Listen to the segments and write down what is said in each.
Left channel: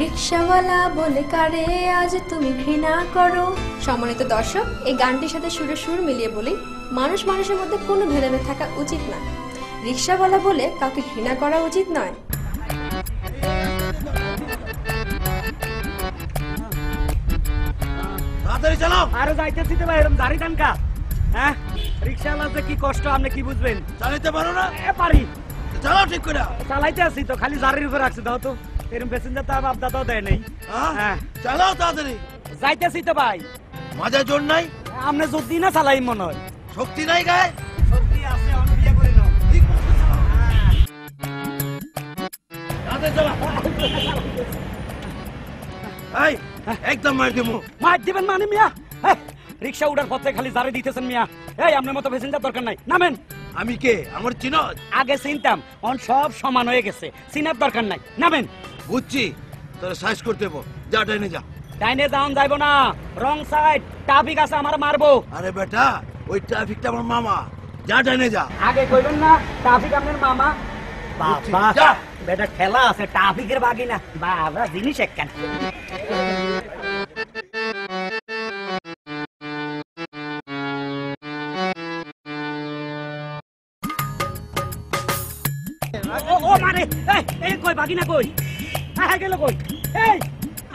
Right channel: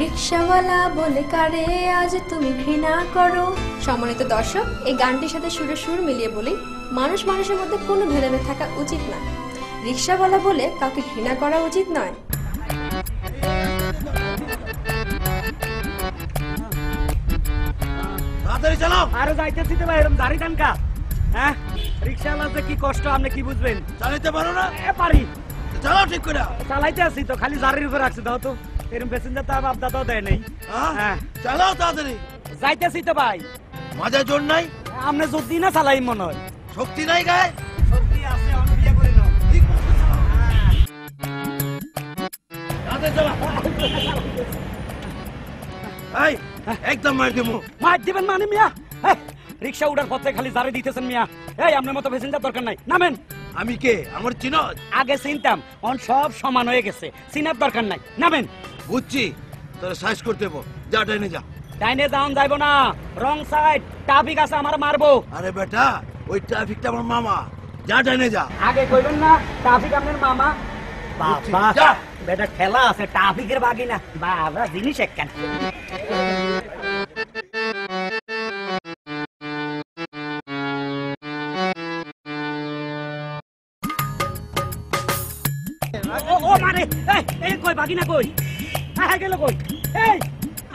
রিকশাওয়ালা বলে কারে আজ তুমি ঘৃণা করো। সম্মানিত দর্শক, এই গানটির সাথে সুরে সুর মিলিয়ে বলি, মানুষ মানুষের মধ্যে কোনো ভেদাভেদ থাকা উচিত না। রিকশাওয়ালা বলে কাউকে ঘৃণা করা উচিত নয়। তাড়াতাড়ি চালাও। আরে যাইতেছি তো ভাই, এরকম দাড়ি টানকা। হ্যাঁ, রিকশাওয়ালা কি কষ্ট, আপনি কি বুঝবেন? চালাতে পারো না? পারি, চালাও ঠিক করে। চালাইতে আসি তো, খালি জারির উপর রাখছে। দাও তো, এরকম প্যাসেঞ্জার তো বাপ দাদাও দেয় নেই। হ্যাঁ, চালাও তাড়াতাড়ি। যাইতেছি তো ভাই। মাঝে জোর নাই? আপনি জোর দিই না চালাই মনে হয়। শক্তি নাই গায়ে? শক্তি আছে, আমি বিয়ে করে নাও। তাড়াতাড়ি চালাও। এই, একদম মার দেবো। মার দিবেন মানে মিয়া? রিকশা উঠার পথে খালি জারি দিতেছেন মিয়া। এই, আপনার মতো প্যাসেঞ্জার দরকার নাই, নামেন। আমি কে? আমার চিনো? আগে চিনতাম, এখন সব সমান হয়ে গেছে, চিনার দরকার নাই, নামেন। বুঝছি, তোরা সাইজ করতে দেবো। যা ডাইনে যা। ডাইনে যাওন যাইবো না, রং সাইড, ট্রাফিক আছে, আমার মারবো। আরে বেটা, ওই ট্রাফিকটা আমার মামা। যা ডাইনে যা। আগে কইবেন না ট্রাফিক আপনার মামা? বাবা, যা। বেটা খেলা আছে, ট্রাফিকের বাগি না। বাবা, জিনিস একখান। ও মানে, এই কই বাগি না কই? হ্যাঁ গেল কই? এই,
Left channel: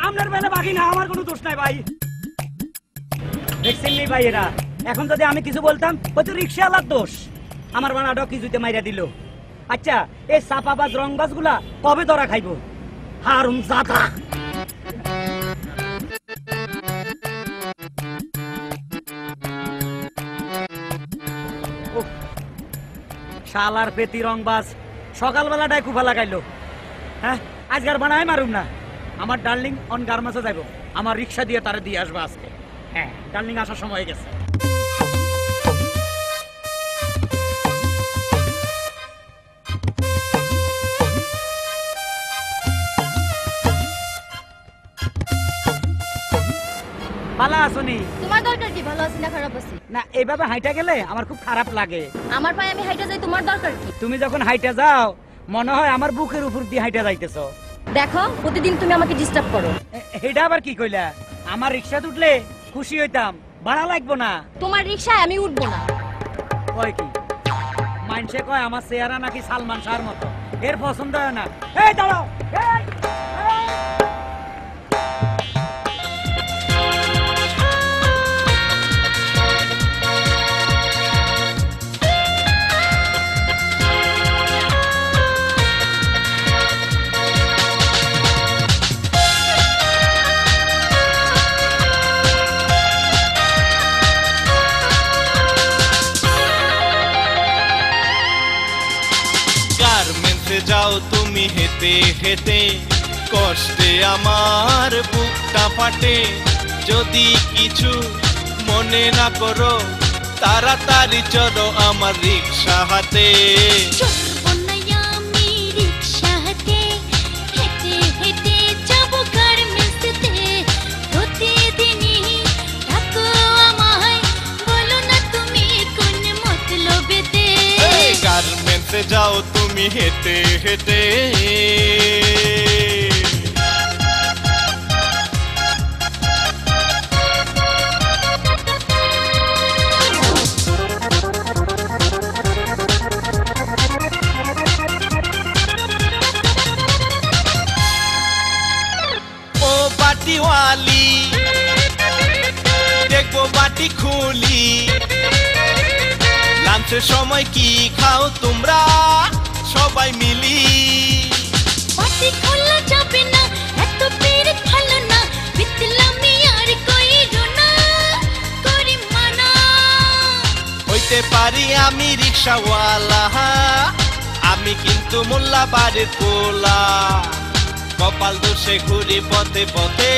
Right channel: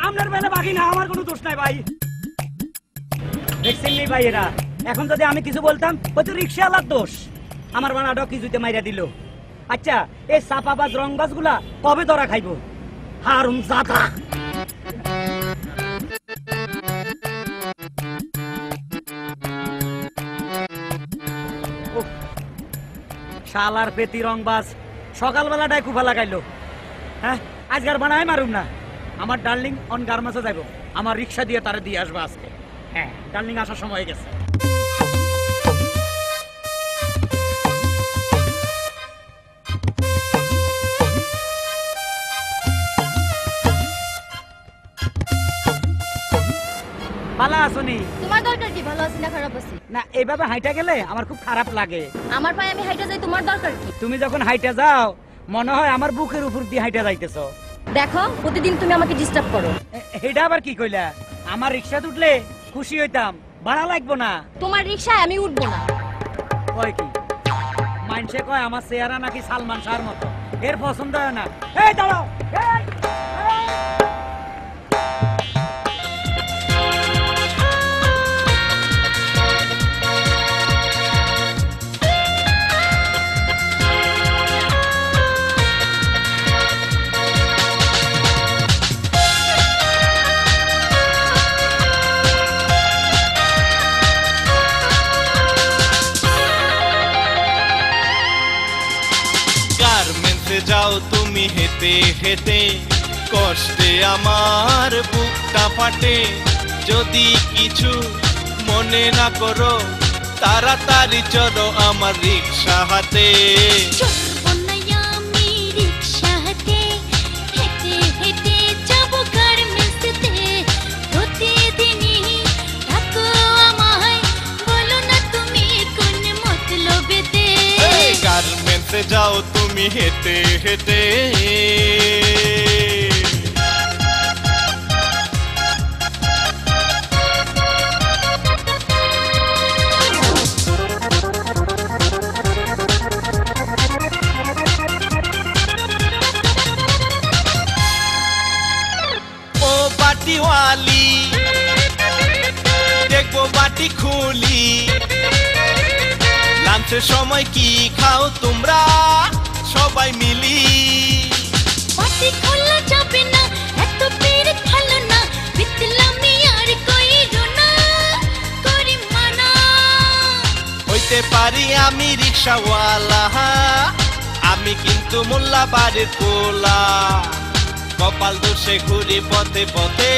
আপনার বেলা বাগি না, আমার কোনো দোষ নাই ভাই। দেখছেন নি ভাই, এরা এখন যদি আমি কিছু বলতাম, হয়তো রিক্সাওয়ালার দোষ। আমার বানাটা কিছুতে মাইরা দিল। আচ্ছা, এই চাপাবাজ রংবাজ গুলা কবে ধরা খাইব? হারুম জাদা। শালার পেতি রংবাজ সকালবেলাটাই কুফা লাগাইলো। হ্যাঁ, আজকার বানাই মারুম না। আমার ডার্লিং অন গার্মেন্টসে যাইব, আমার রিক্সা দিয়ে তারে দিয়ে আসবো আজকে। হ্যাঁ, ডার্লিং আসার সময় হয়ে গেছে। ভালো আছনি? তোমার দরকার কি ভালো আছি না খারাপ আছি? না, এইভাবে হাইটা গেলে আমার খুব খারাপ লাগে। আমার পায়ে আমি হাইটা যাই, তোমার দরকার কি? তুমি যখন হাইটা যাও, মনে হয় আমার বুকের উপর দিয়ে হাইটা যাইতেছো। দেখো, প্রতিদিন তুমি আমাকে ডিস্টার্ব করো। এটা আবার কি কইলা? আমার রিক্সা উঠলে খুশি হইতাম, ভাড়া লাগবো না। তোমার রিকশায় আমি উঠবো না। কয় কি? মাইনসে কয় আমার চেহারা নাকি সালমান শাহর মতো, এর পছন্দ হয় না। এই দাঁড়াও, এই! যাও তুমি হেঁটে হেঁটে, কষ্টে আমার বুকটা ফাটে। যদি কিছু মনে না করো, তাড়াতাড়ি চলো আমার রিক্সা হাতে। গার্মেন্টসে যাও তুমি হেঁটে হেঁটে। ও বাটিওয়ালি, দেখবো বাটি খুলি। লাঞ্চের সময় কি খাও তোমরা সবাই মিলি? বাটি খোলা যাবে না, এত পেরে ভালো না, বিতলামি আর কইরো না, করি মানা। হইতে পারি আমি রিক্সাওয়ালা, আমি কিন্তু মোল্লা বাড়ির পোলা। কপাল দোষে ঘুরি পথে পথে।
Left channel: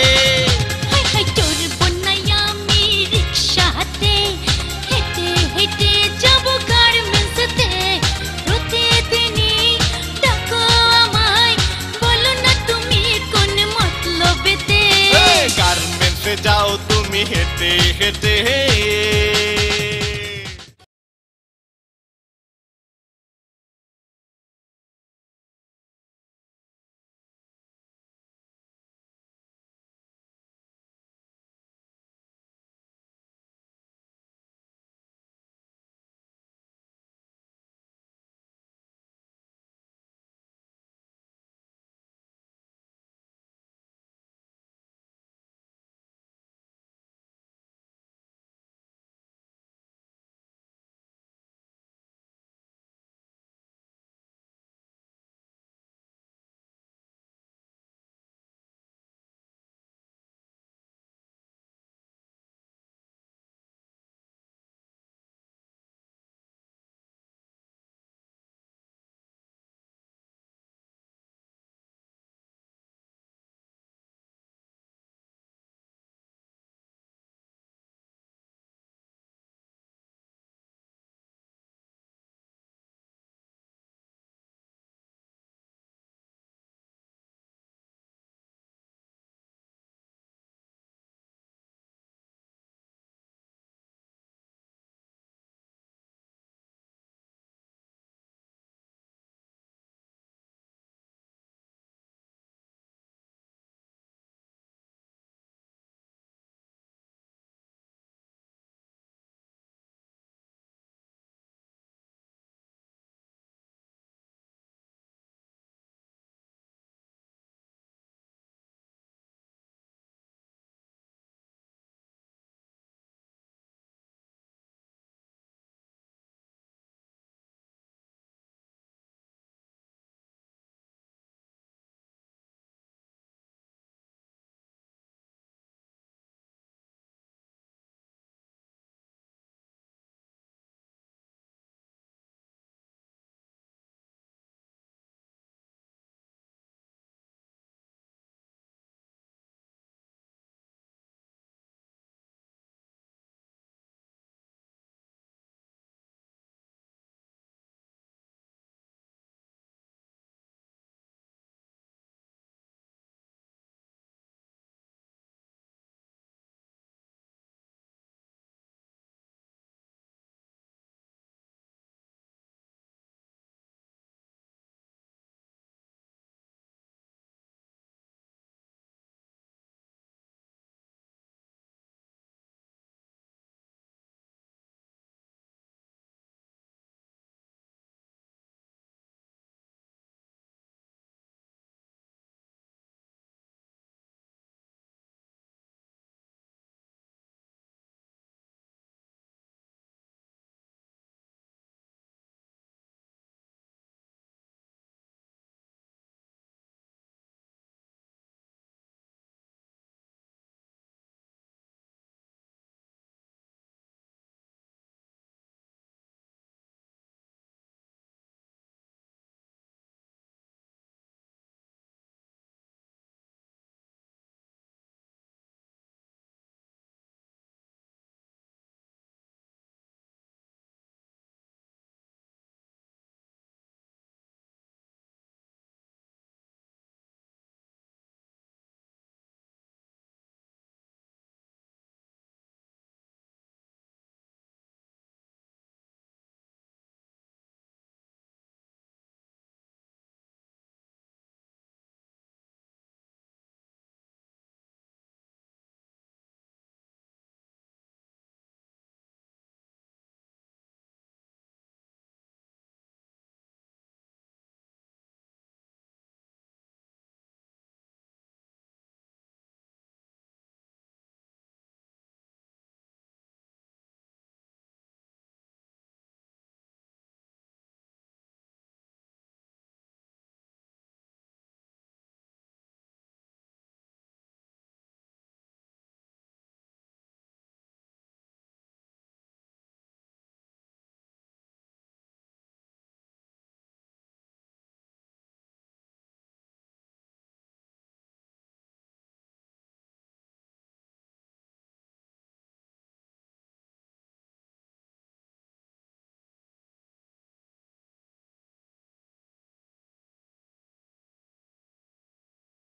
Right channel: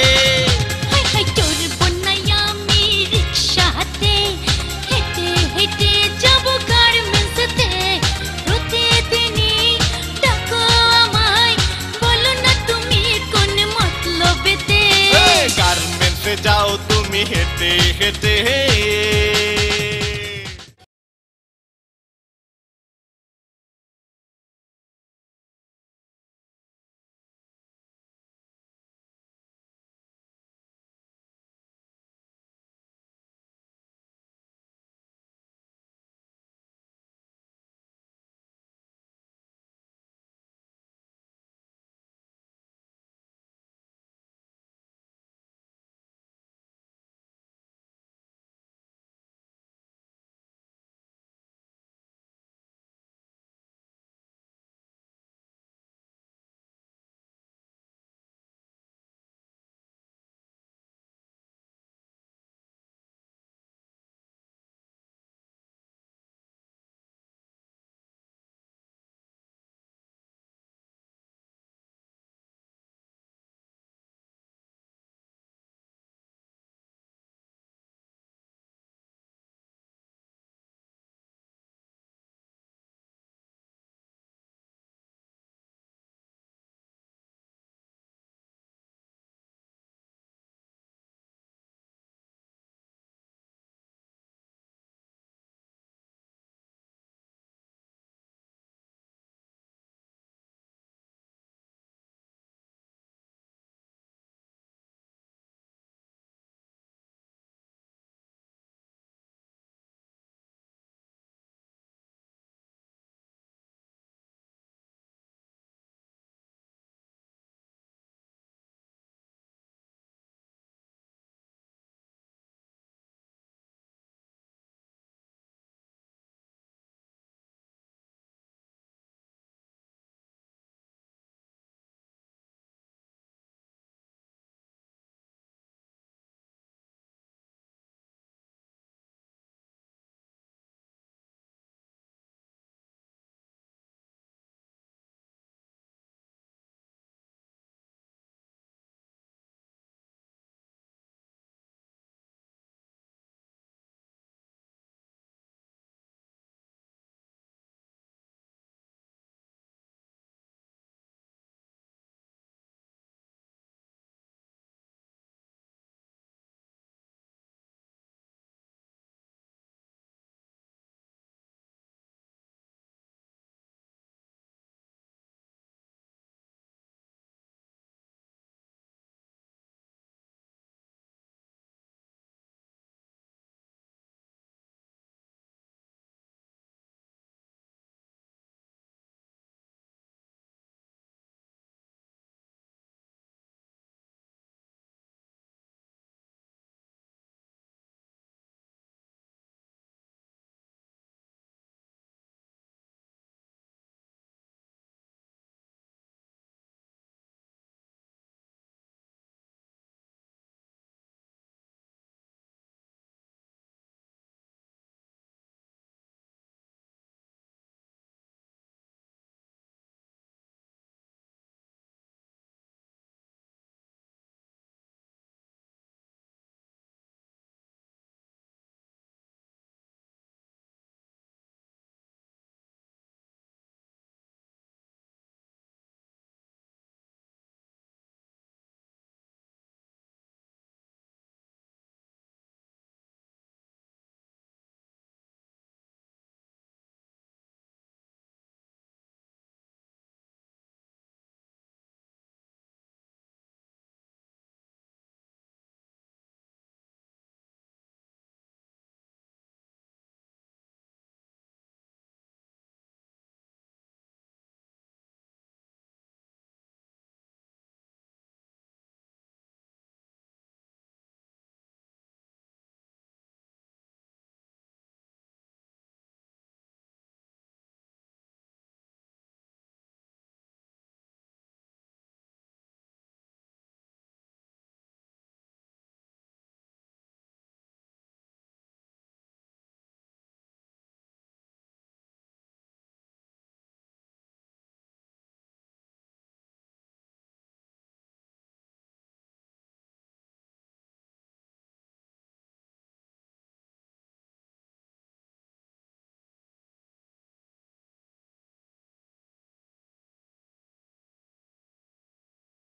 হাই হাই চড়বো না আমি রিক্সাতে, হেঁটে হেঁটে যাবো গার্মেন্টসে। প্রতিদিনই ডাকো আমায়, বলো না তুমি কোন মতলবেতে। গার্মেন্টসে যাও তুমি হেঁটে হেঁটে।